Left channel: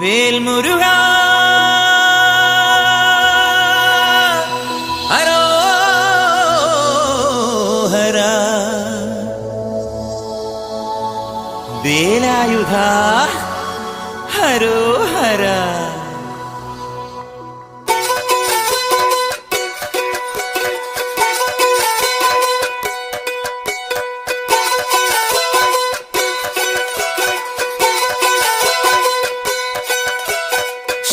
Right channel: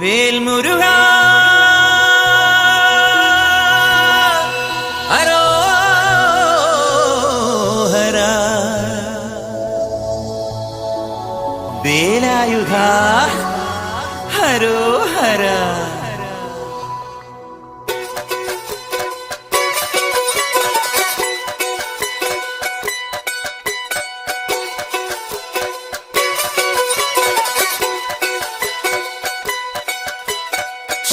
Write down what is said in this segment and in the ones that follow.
വേൽമുരുകാ ഹരോഹരാ വേലായുധാ ഹരോഹരാ.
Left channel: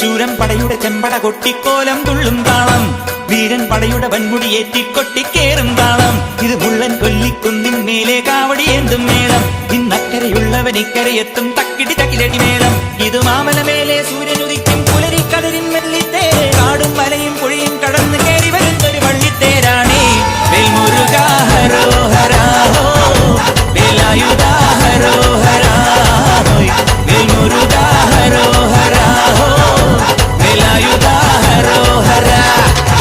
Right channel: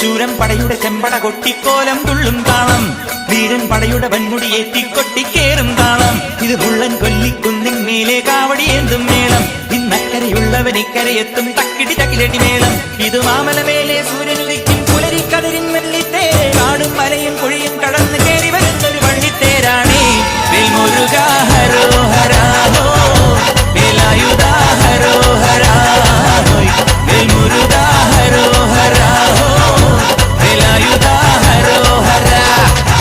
ശൂരൻ പടയുടെ ചെമ്പട കൊട്ടിക്കോലം തുള്ളും താളം, വീരൻ പടയുടെ വൻമുടിയേറ്റി കൊട്ടിക്കേറും താളം. ഇത് മുള്ളൻ കൊല്ലിക്കുന്നിൻ മേലെ കാവടിയേന്തും മേളം. ഇന്നക്കരയുള്ളവൻ ഇക്കരയെത്തും തക്കിടി തക്കിലടി മേളം. ഇത് മാമലമേലെ സൂര്യനുദിക്കും പുലരിക്കതിരിൻ വെള്ളിത്തേര്. കാടും മലയും പുഴയും കടന്ന് കയറി വരുന്നൊരു വള്ളിത്തേരാണേ. വേൽമുരുകാ ഹരോഹരാ ഹോ, വേലായുധാ ഹരോഹരാ ഹോയ്. വേൽമുരുകാ ഹരോഹരാ ഹോ, വേലായുധാ ഹരോഹരാ.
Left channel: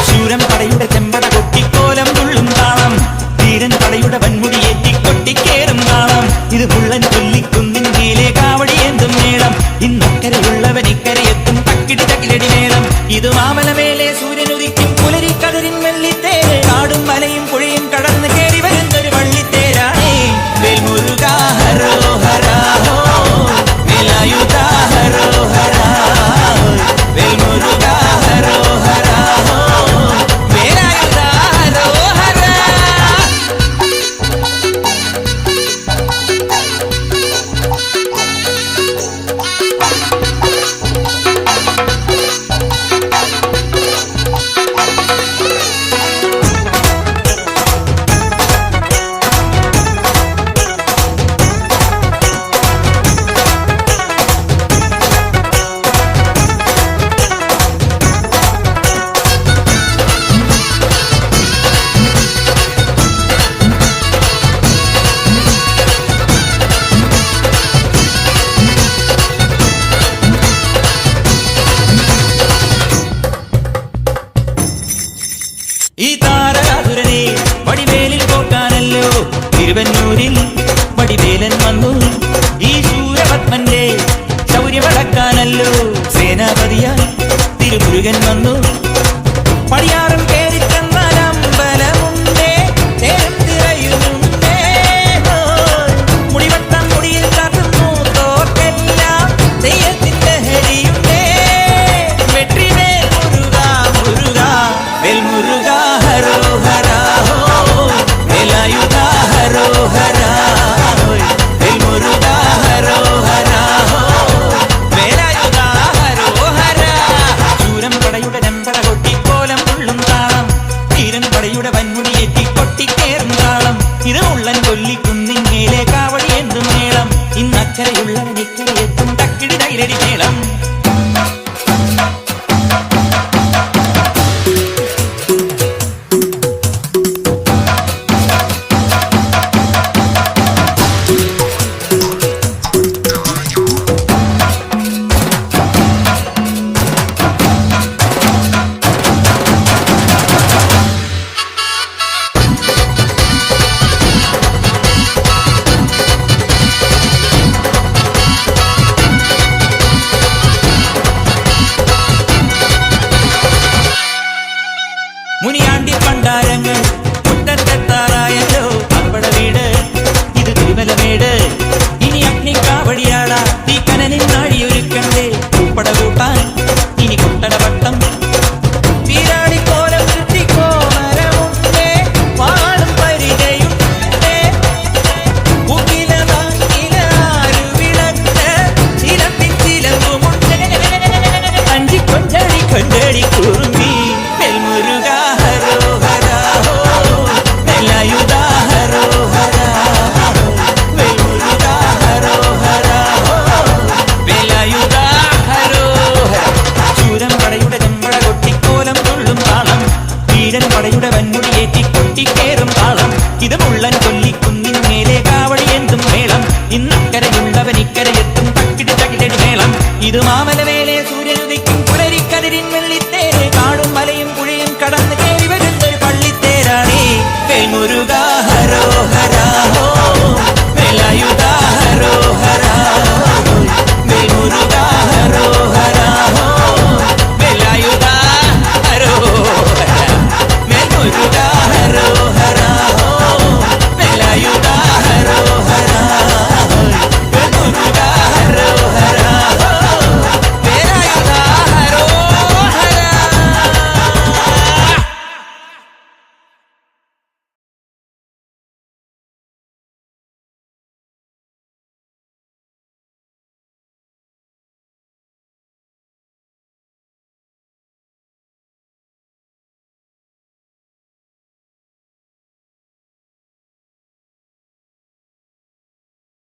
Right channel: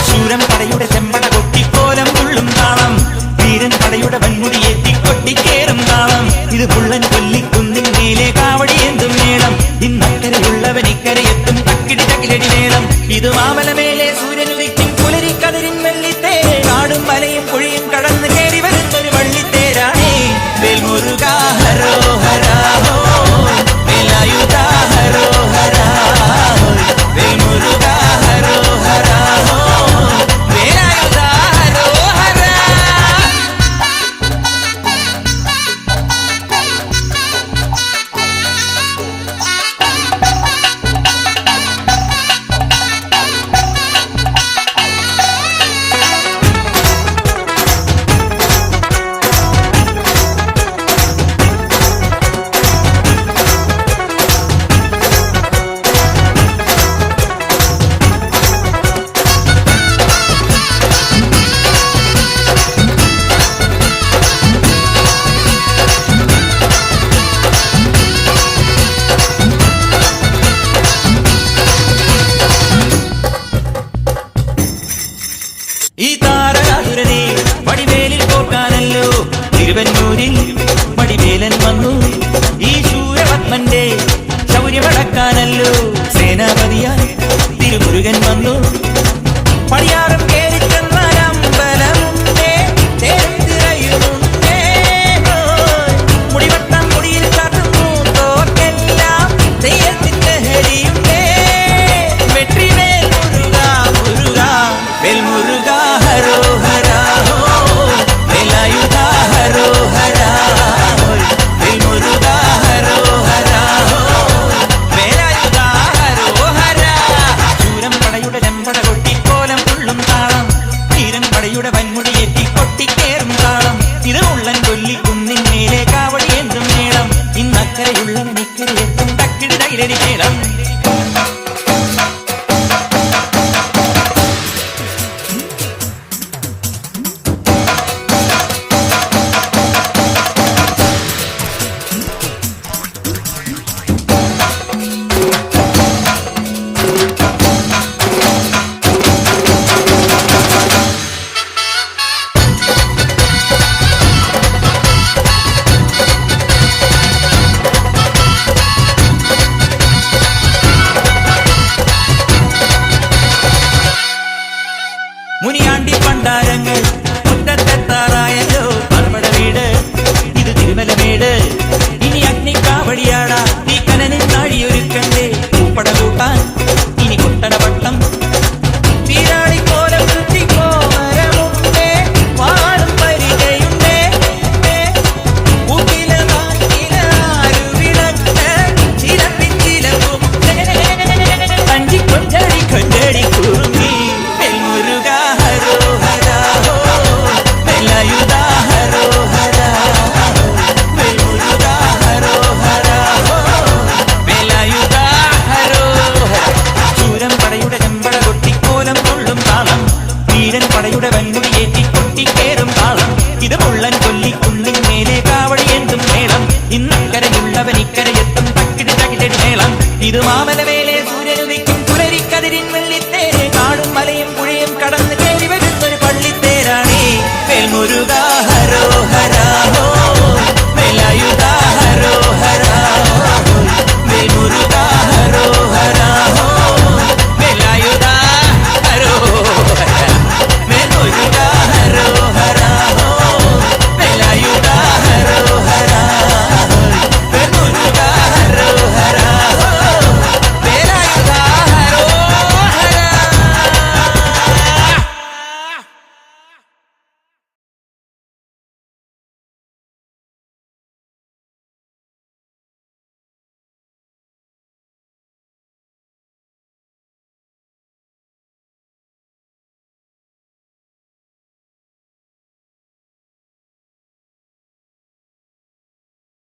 ശൂരൻ പടയുടെ ചെമ്പട കൊട്ടിക്കോലം തുള്ളും താളം, വീരൻ പടയുടെ വൻമുടിയേറ്റി കൊട്ടിക്കേറും താളം. ഇത് മുള്ളൻ കൊല്ലിക്കുന്നിൻ മേലെ കാവടിയേന്തും മേളം. ഇന്നക്കരയുള്ളവൻ ഇക്കരയെത്തും തക്കിടി തകിലടി മേളം. ഇത് മാമലമേലെ സൂര്യനുദിക്കും പുലരിക്കതിരിൻ വെള്ളിത്തേര്. കാടും മലയും പുഴയും കടന്ന് കയറി വരുന്നൊരു വള്ളിത്തേരാണേ. വേൽമുരുകാ ഹരോഹരാ ഹോ, വേലായുധാ ഹരോഹരാ ഹോയ്. വേൽമുരുകാ ഹരോഹരാ ഹോ, വേലായുധാ ഹരോഹരാ. ഈ താരകാസുരനെ വടിവേലിൽ കോർക്കാനല്ലോ തിരുവന്നൂരിൽ വടിവേലൻ വന്നു. ഈ ശൂരപത്മന്റെ ശൗര്യമടക്കാനല്ലോ സേനാപതിയായി തിരുമുരുകൻ വന്നു. പടിയാറും കേറിച്ചെന്നാൽ അമ്പലമുണ്ടേ, തേരും തിരയുമുണ്ടേ. മുടിവട്ടം മുടിയിൽ കാട്ടുന്നു തോക്കെല്ലാം തെയ്യത്തിന്റെ ഹരിയുണ്ടേ. വെട്രിവേൽ മുരുകാ മുരുകാ, വേൽമുരുകാ ഹരോഹരാ ഹോ, വേലായുധാ ഹരോഹരാ ഹോയ്. വേൽമുരുകാ ഹരോഹരാ ഹോ, വേലായുധാ ഹരോഹരാ. ശൂരൻ പടയുടെ ചെമ്പട കൊട്ടിക്കോലം തുള്ളും താളം, വീരൻ പടയുടെ വൻമുടിയേറ്റി കൊട്ടിക്കേറും താളം. ഇത് മുള്ളൻ കൊല്ലിക്കുന്നിൻ മേലെ കാവടിയേന്തും മേളം. ഇന്നക്കരയുള്ളവൻ ഇക്കരയെത്തും തക്കിടി തകിലടി മേളം. മുനിയാണ്ടി പണ്ടാരങ്ങൾ മുറ്റത്തെത്താറായല്ലോ. അറുപട വീട് ഇത് തിരുമലമേട്. ഇനി അഗ്നിക്കാവടിയാടാ തീ കനനിൽ നാഴിയൊരുക്കണ്ടേ. പൂപ്പട കൂട്ടാൻ ഇനി കൊട്ടടവട്ടം. തീരാളിക്കോലം ചുറ്റിക്കോമരമുണ്ടേ, വാളും പരിചയുണ്ടേ. ചിലമ്പിൻ ചിലമ്പുമുണ്ടേ. കഞ്ചി കൊഞ്ചടി കൊഞ്ചടി കുറുമ്പി. വേൽമുരുകാ ഹരോഹരാ ഹോ, വേലായുധാ ഹരോഹരാ ഹോ. വേൽമുരുകാ ഹരോഹരാ ഹോ, വേലായുധാ ഹരോഹരാ. ശൂരൻ പടയുടെ ചെമ്പട കൊട്ടിക്കോലം തുള്ളും താളം, വീരൻ പടയുടെ വൻമുടിയേറ്റി കൊട്ടിക്കേറും താളം. ഇത് മുള്ളൻ കൊല്ലിക്കുന്നിൻ മേലെ കാവടിയേന്തും മേളം. ഇന്നക്കരയുള്ളവൻ ഇക്കരയെത്തും തക്കിടി തകിലടി മേളം. ഇത് മാമലമേലെ സൂര്യനുദിക്കും പുലരിക്കതിരിൻ വെള്ളിത്തേര്. കാടും മലയും പുഴയും കടന്ന് കയറി വരുന്നൊരു പള്ളിത്തേരാണേ. വേൽമുരുകാ ഹരോഹരാ ഹോ, വേലായുധാ ഹരോഹരാ